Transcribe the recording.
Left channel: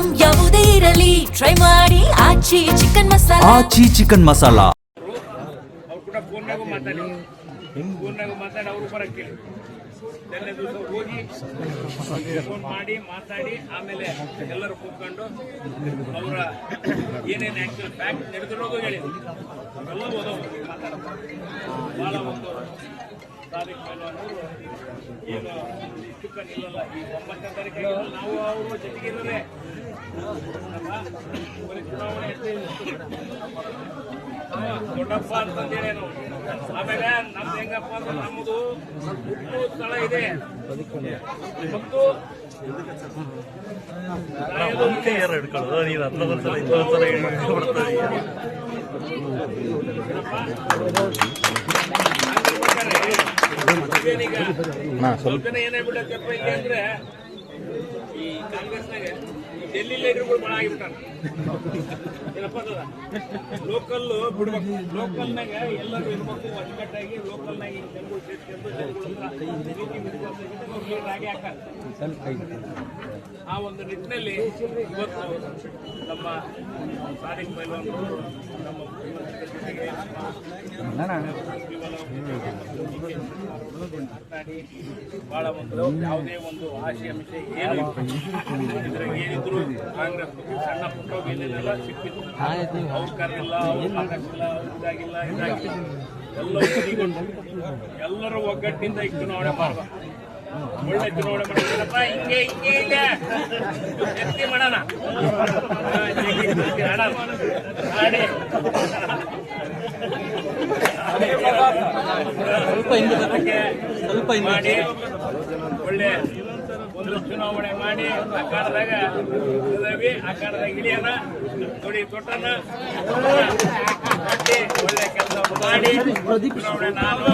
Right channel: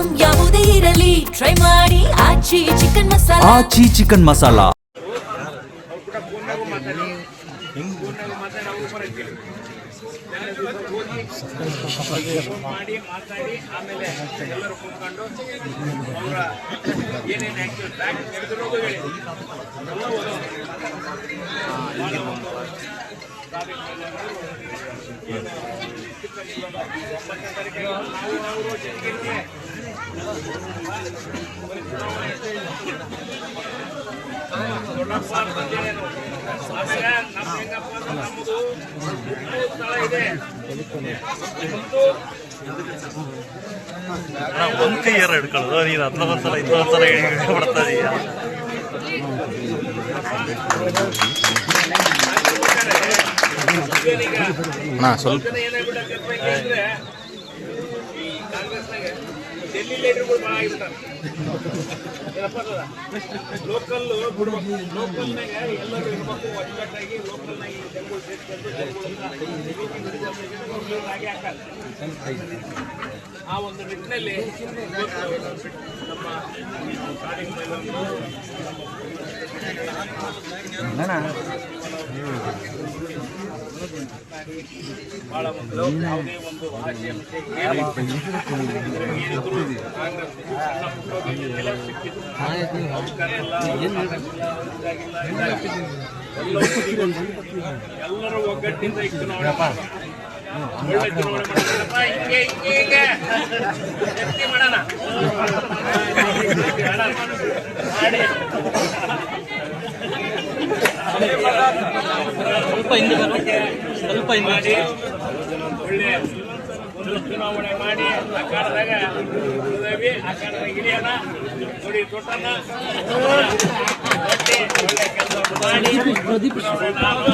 Item ಯಾವುದೇ ಇರಲಿ try ಮಾಡಿ ಆಚಿ ಚಿಕನ್ ಮಸಾಲಾ. ಆಚಿ ಚಿಕನ್ ಮಸಾಲಾ. ಮಾಡಿ ಮಾತಾಡಿ ಆಮೇಲೆ ಎಲ್ಲರೂ ಕೂತ್ಕೊಂಡು ಅವರ ಏನೇನು ಬ್ಯಾಗ್ ನಡೆದಿರೋದು ಹೇಳಿ ಭಾಳ ಒಂದು ನಾವು ಅವರು ಜನರಿಗೆ ದೊಡ್ಡಪ್ಪ ಅಂತಂದೇನು ಆಮೇಲೆ ನಮ್ದು ಹೆಂಗಪ್ಪ ಅಂದ್ರೆ ನಮ್ಮದು ಉಪ್ಪು ಸ್ಥಳ ಇದೆ ಒಂದು ಕೈ ಯಾರು ಹಿಡ್ಕೊಳ್ಳೋದು ನೀನು ಹತ್ತೊಂದ್ಸಲ ಇನ್ನೊಂದ್ಸಲ ಬಿಡ್ತಾ ಇದೀಯ. ಸ್ವಲ್ಪ ಏನಾಗ್ಬಿಟ್ಟೆ ಈ ಕಾಂಗ್ರೆಸ್ನಾಗ ಡೆಲ್ಲಿ ಲೀಡರ್ಗಳು ಭಾಳ ಆಗಿಬಿಟ್ಟಾರೆ. ಏನಪ್ಪ ಲೋಕಲ್ ಬಿಡ್ಬೇಕು, ಲೋಕಲ್ನಾಗ ಎಲ್ಲರೂ ಇರ್ಬೇಕು ಒಟ್ಟೊಟ್ಟಾಗಿ ಲೋಕಲ್ನಾಗ ಜನಗಳು ಸೇರ್ಕೊಂಡು ಹಾಕಲ್ಲ. ಆ ಒಂದು ನಿಟ್ಟಿನಲ್ಲಿ ನಮ್ಮ ಬಹಳ ಒಂದು ಯಾವುದೇ ಒಂದು ಆಶೆ ಅಂಶ ಏನಿದ್ರು ಕಾಂಗ್ರೆಸ್ ಸಣ್ಣ ಪುಟ್ಟ ಸಿಕ್ಕಿತ್ತು, ಅಧಿಕಾರ ಇಲ್ಲ, ಎಲ್ಲರೂ ಒಗ್ಗಟ್ಟಿಂದ ಈ ಚುನಾವಣೆ ಒಳ್ಳೆ ಚುನಾವಣೆ ಮಾಡೋಣ. ಹಿಂಗೆ ಮಾಡೋಣ ಸ್ವಲ್ಪ ಮಾಡಿ ಒಳ್ಳೆ ಒಂದು ಚುನಾವಣೆ ಮಾಡಿ ಆಕಾರದಾಗ ಆಕಾರದಾಗ ಹಿಡಿಯೋಣ, ನೋಡಿ ತೊಟ್ಟನ ಒಳ್ಳೆ ಕೆಲಸ ಮಾಡಿ ಚುನಾವಣೆ ನಾನು